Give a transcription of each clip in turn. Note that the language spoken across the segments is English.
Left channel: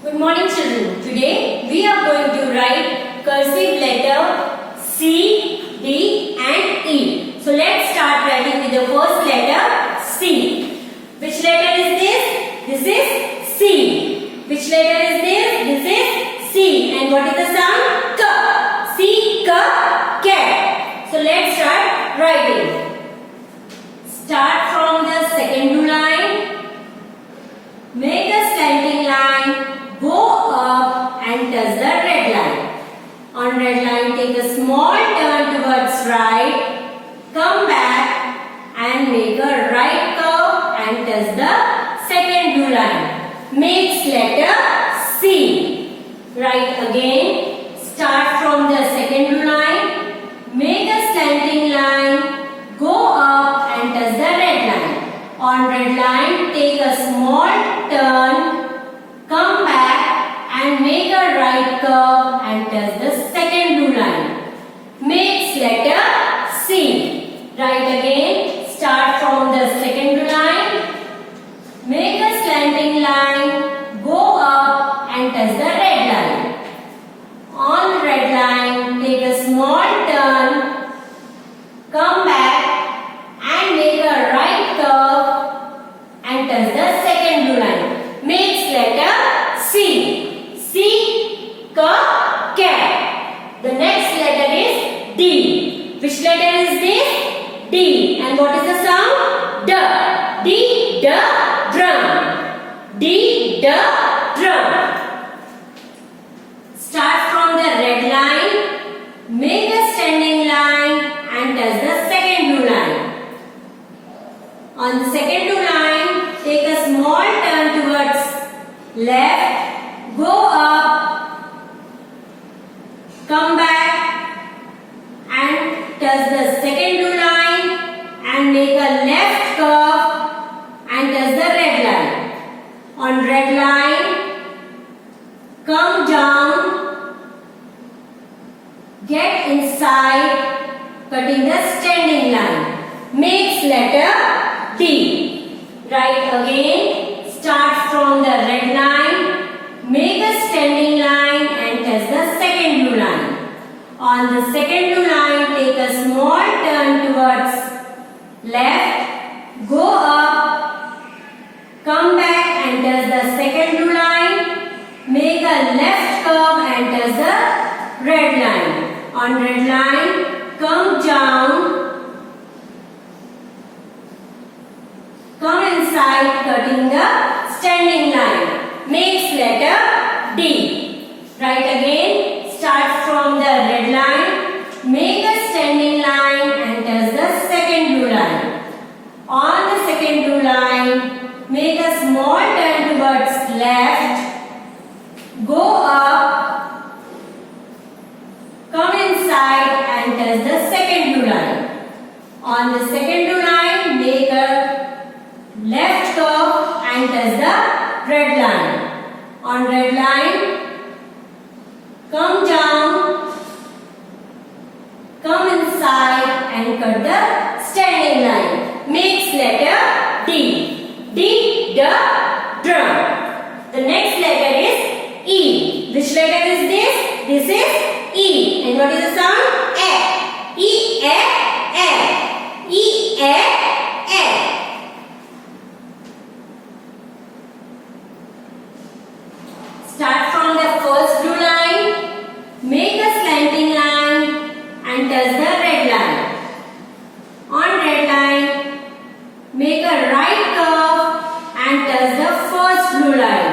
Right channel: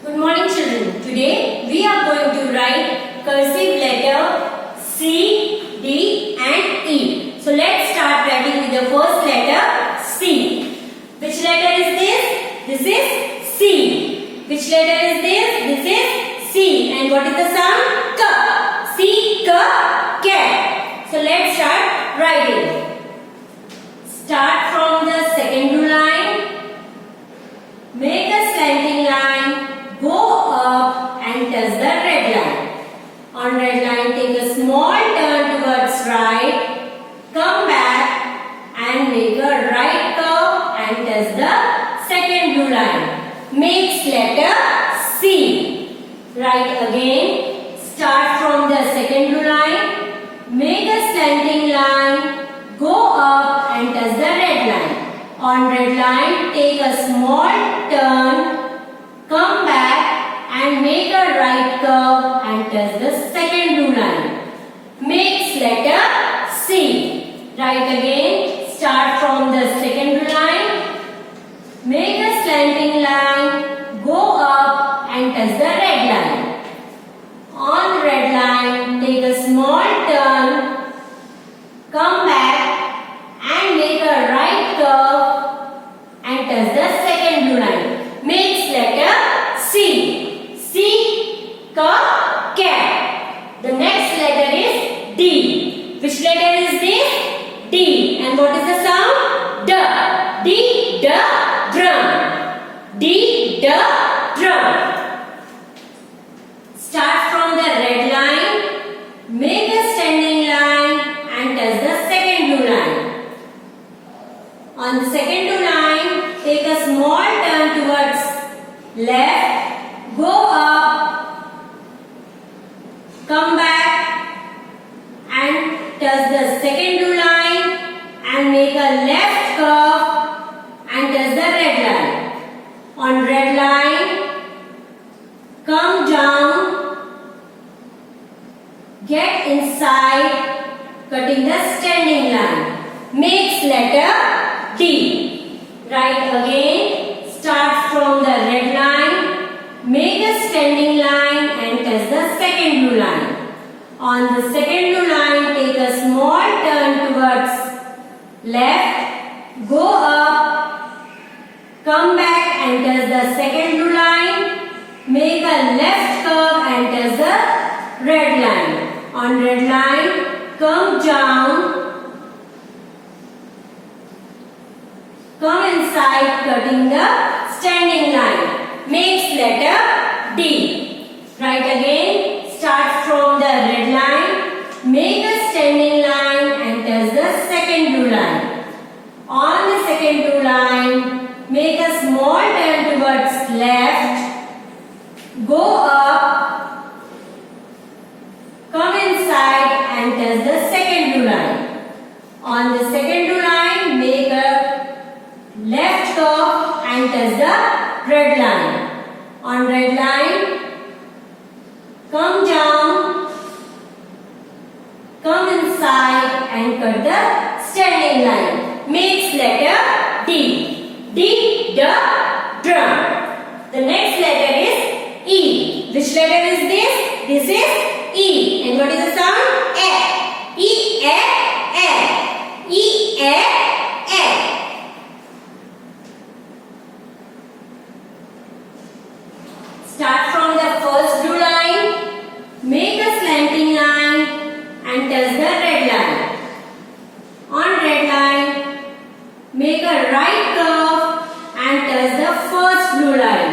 Good morning children. Today we are going to write cursive letter C, D and E. So let's start writing with the first letter C. Which letter is this? This is C. Which letter is this? This is C. And what is the sound? K. C, K, cat. So let's start writing. Start from the second blue line. Make a slanting line, go up and touch the red line. On red line, take a small turn towards right, come back and make a right curve and touch the second blue line. Makes letter C. Write again. Start from the second blue line, make a slanting line, go up and touch the red line. On red line, take a small turn, come back and make a right curve and touch the second blue line. Makes letter C. Write again. Start from the second blue line, make a slanting line, go up and touch the red line. On red line, take a small turn, come back and make a right curve and touch the second blue line. Makes letter C. C, K, cat. The next letter is D. Which letter is this? D. And what is the sound? D. D, drum. D, drum. Start from the red line, make a standing line and touch the second blue line. On the second blue line, take a small turn towards left, go up, come back and touch the second blue line and make a left curve and touch the red line. On red line, come down, get inside, cutting the standing line. Makes letter D. Write again. Start from the red line, make a standing line and touch the second blue line. On the second blue line, take a small turn towards left, go up, come back and touch the second blue line, make a left curve and touch the red line. On red line, come down, come inside, cutting the standing line. Makes letter D. Write again. Start from the red line, make a standing line and touch the second blue line. On the second blue line, make a small turn towards left, go up, come inside and touch the second blue line. On the second blue line, make a left curve and touch the red line. On red line, come down, come inside and cut the standing line. Makes letter D. D, drum. The next letter is E. Which letter is this? This is E. And what is the sound? A. E, A. E, A. Start from the first blue line, make a slanting line and touch the red line. On red line, make a right curve and touch the first blue line.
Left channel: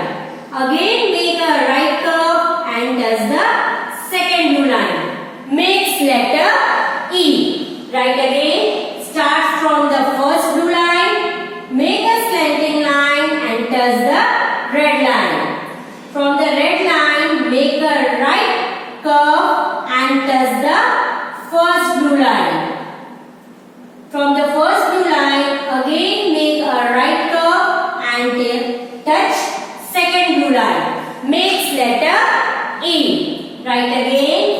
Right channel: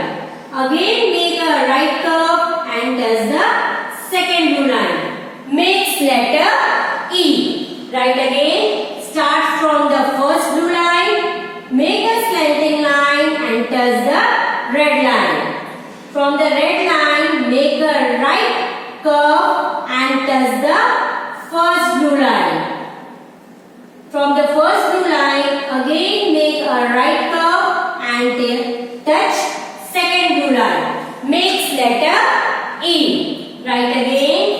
Again make a right curve and touch the second blue line. Makes letter E. Write again. Start from the first blue line, make a slanting line and touch the red line. From the red line, make a right curve and touch the first blue line. From the first blue line, again make a right curve and touch second blue line. Makes letter E. Write again.